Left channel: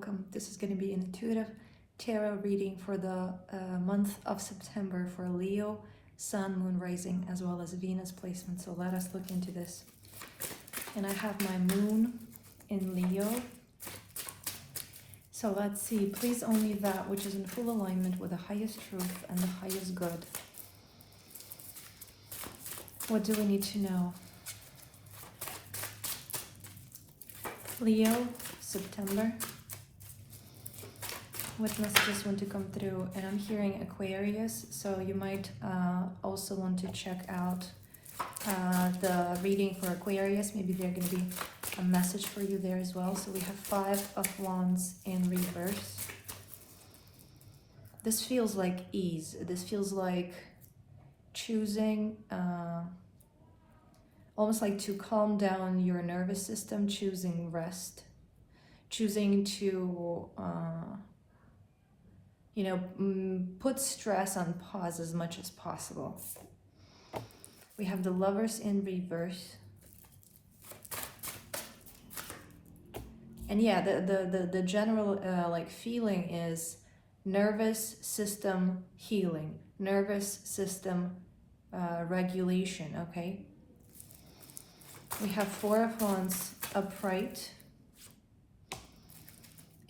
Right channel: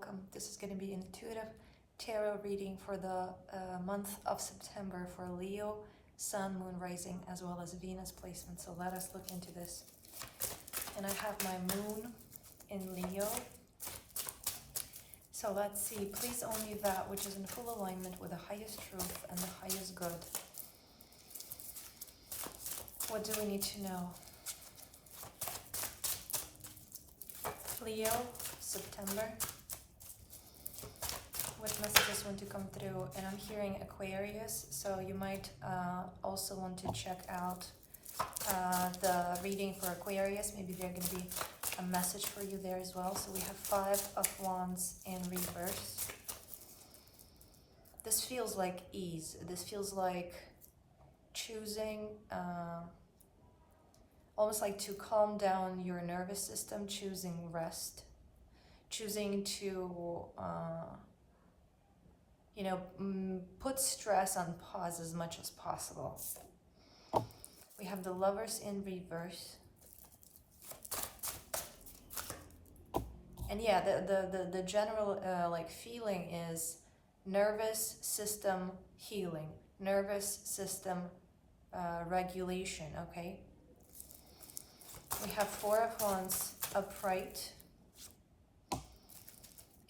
welcome. This is going to be an intuitive tarot reading for the month of September for Leo, Sun, Moon, Rising, as well as Venus placement. So let us look into this. And I have my Moon in Leo. So let's see. Please only that which is in full alignment with the highest truth and the highest good. What do we need to know? Leo, September. What messages want to come through? And I'm hearing Aquarius, so you might also want to check out the reading for Aquarius. Maybe there's going to be a message for you there as well. So we have 5 of Wands in reverse. This feels like ease. This feels like choosing, almost like to calm down your nervous system, choosing rest, choosing to, put stress on pause as much as possible. We have the Lovers in reverse. And yeah, the general feeling is nervous system healing, nervous system regulation, okay? We have 4 of Wands upright,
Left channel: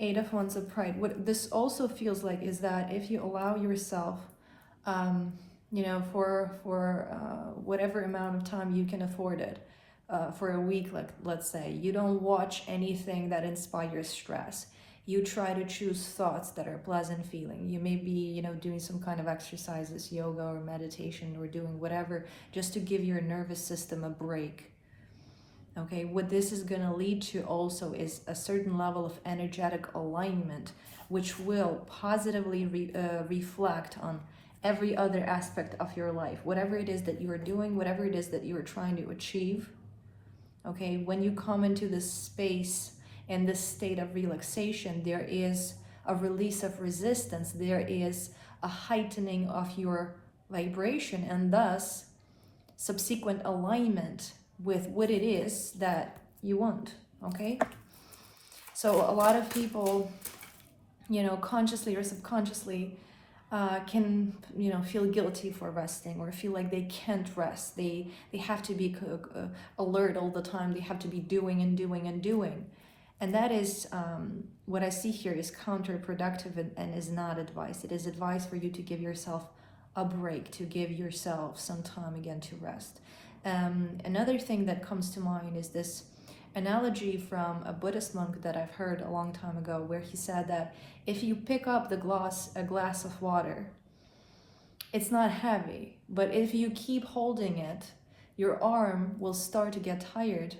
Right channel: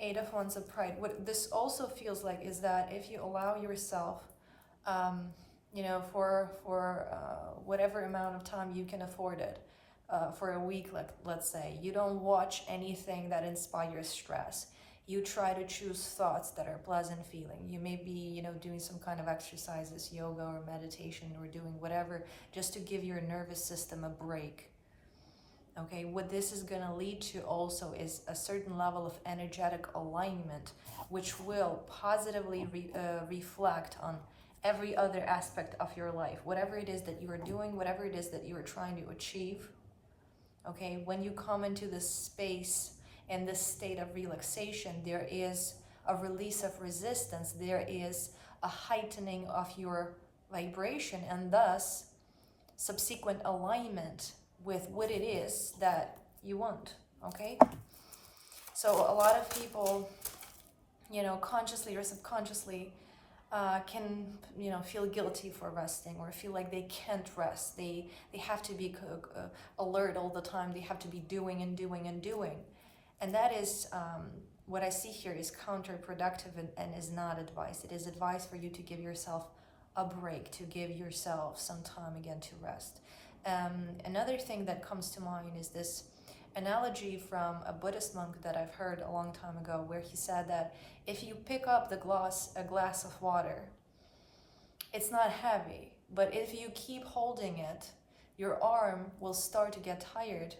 8 of Wands upright. What this also feels like is that if you allow yourself, for whatever amount of time you can afford it, for a week, let's say, you don't watch anything that inspires stress. You try to choose thoughts that are pleasant feeling. You may be, doing some kind of exercises, yoga or meditation, or doing whatever, just to give your nervous system a break. Okay, what this is going to lead to also is a certain level of energetic alignment, which will positively reflect on every other aspect of your life. Whatever it is that you are doing, whatever it is that you are trying to achieve. Okay, when you come into this space and this state of relaxation, there is a release of resistance. There is a heightening of your vibration, and thus subsequent alignment with what it is that you want, okay? So a lot of people, consciously or subconsciously can, feel guilty for resting, or feel like they can't rest. They have to be alert all the time. They have to be doing and doing and doing. And that is, what I see here is counterproductive and is not advice. It is advice for you to give yourself a break, to give yourself some time again to rest. Another thing that comes to mind is this analogy from a Buddhist monk that I've heard a long time ago, where he said that if you pick up a glass of water, it's not heavy, but if you keep holding it, your arm will start to get tired,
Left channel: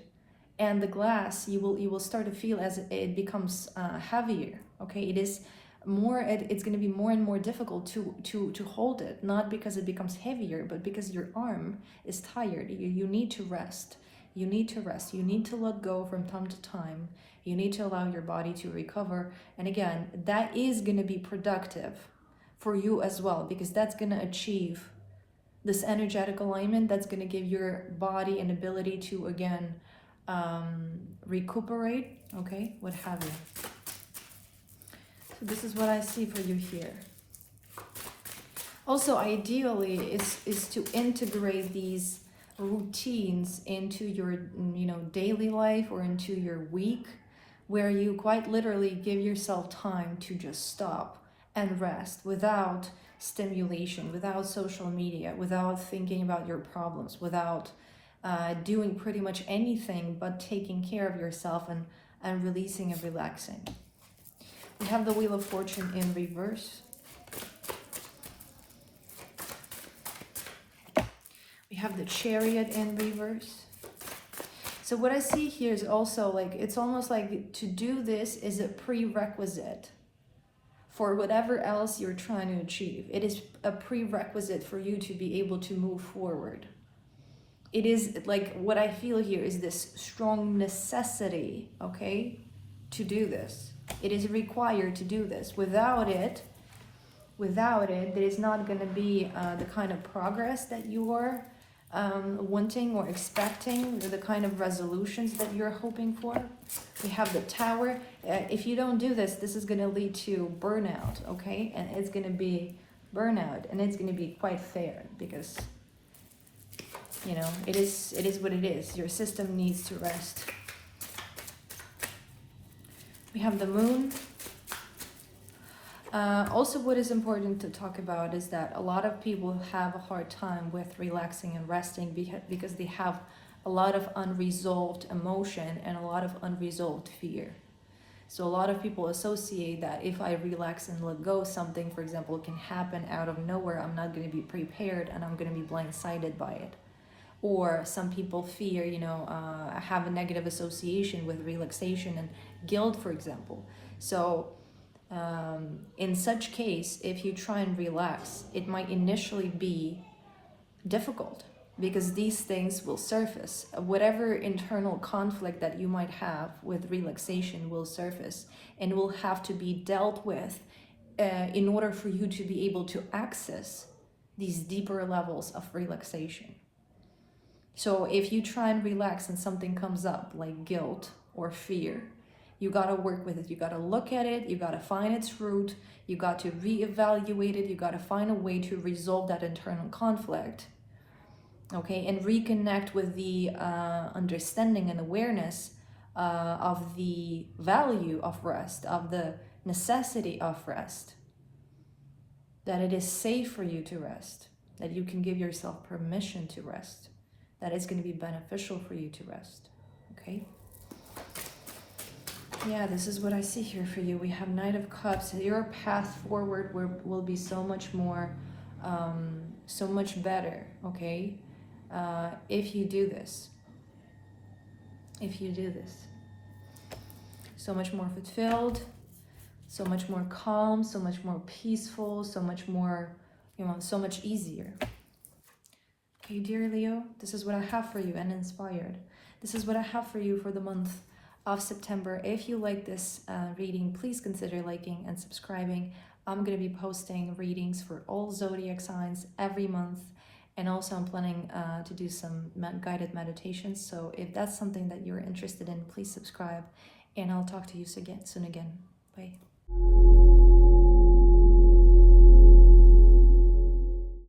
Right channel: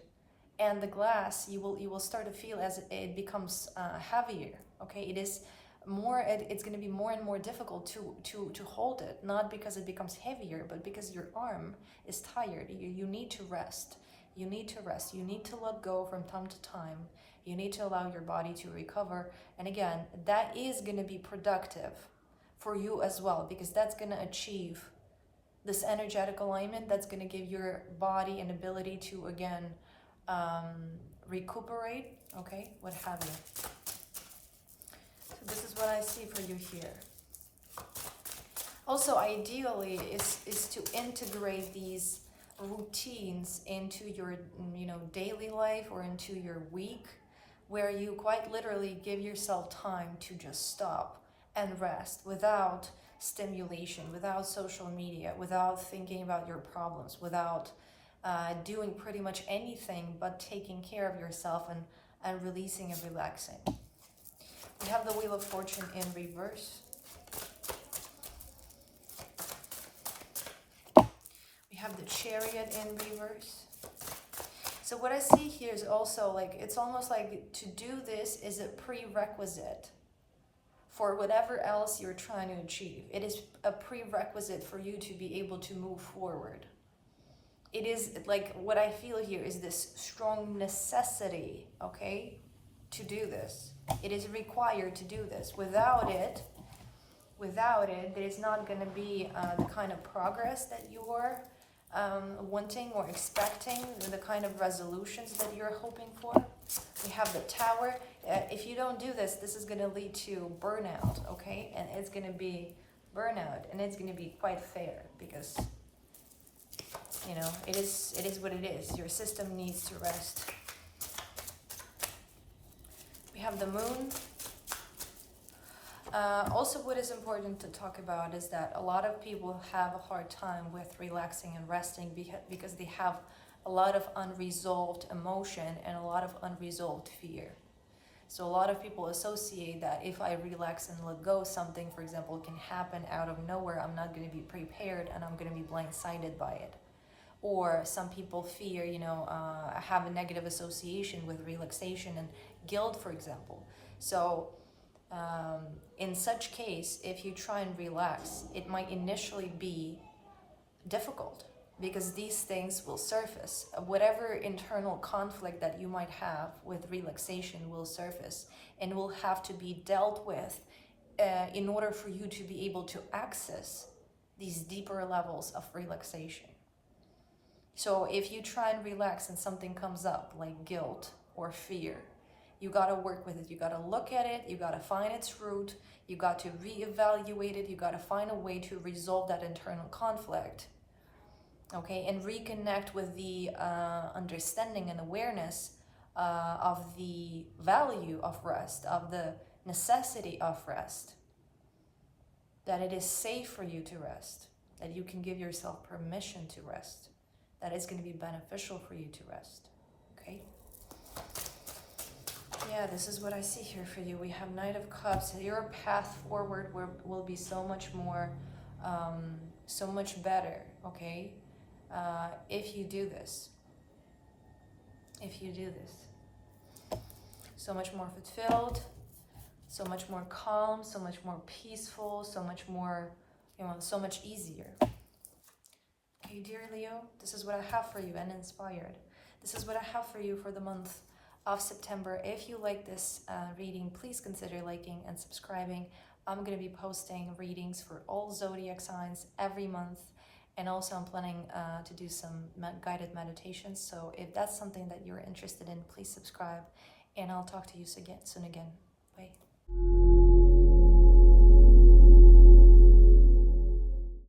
and the glass, you will start to feel as it becomes heavier. Okay, it's going to be more and more difficult to hold it, not because it becomes heavier, but because your arm is tired. You need to rest. You need to rest. You need to let go from time to time. You need to allow your body to recover. And again, that is going to be productive for you as well, because that's going to achieve this energetic alignment. That's going to give your body an ability to, again, recuperate, okay, what have you. So this is what I see for you here. Also, ideally, is to integrate these routines into your, daily life or into your week, where you quite literally give yourself time to just stop and rest without stimulation, without social media, without thinking about your problems, without doing pretty much anything but taking care of yourself and releasing and relaxing. We have the Wheel of Fortune in reverse. We have the Chariot in reverse. So what I see here is also it's almost like to do this is a prerequisite for whatever else you're trying to achieve. It is a prerequisite for you to be able to move forward. It is what I feel here is this strong necessity, okay, to do this. It is required to do this. Without it, there is not going to be the kind of progress that you are wanting or expecting the kind of resolutions that you're hoping for. We have the Tower. If you don't do this, this is going to lead to burnout, okay? And it's going to be burnout, and it's going to be quite fair because, you know, it is what it is. Your system needs to rest. We have the Moon. Also, what is important to talk about is that a lot of people have a hard time with relaxing and resting because they have a lot of unresolved emotion and a lot of unresolved fear. So a lot of people associate that if I relax and let go, something, for example, can happen out of nowhere. I'm not going to be prepared and I'm going to be blindsided by it. Or some people fear, you know, have a negative association with relaxation and guilt, for example. So in such case, if you try and relax, it might initially be difficult because these things will surface. Whatever internal conflict that you might have with relaxation will surface and will have to be dealt with in order for you to be able to access these deeper levels of relaxation. So if you try and relax and something comes up like guilt or fear, you got to work with it. You got to look at it. You got to find its root. You got to reevaluate it. You got to find a way to resolve that internal conflict. Okay, and reconnect with the understanding and awareness of the value of rest, of the necessity of rest. That it is safe for you to rest. That you can give yourself permission to rest. That is going to be beneficial for you to rest. Okay? Yeah, this is what I see here for you. We have Knight of Cups. Your path forward will be so much more, so much better, okay? If you do this. If you do this. So much more fulfilled, so much more calm, so much more peaceful, so much more, you know, so much easier. Okay, dear Leo, this is what I have for you and inspired. This is what I have for you for the month of September. If you like this reading, please consider liking and subscribing. I'm going to be posting readings for all zodiac signs every month, and also I'm planning to do some guided meditations. So if that's something that you're interested in, please subscribe, and I'll talk to you soon again. Bye.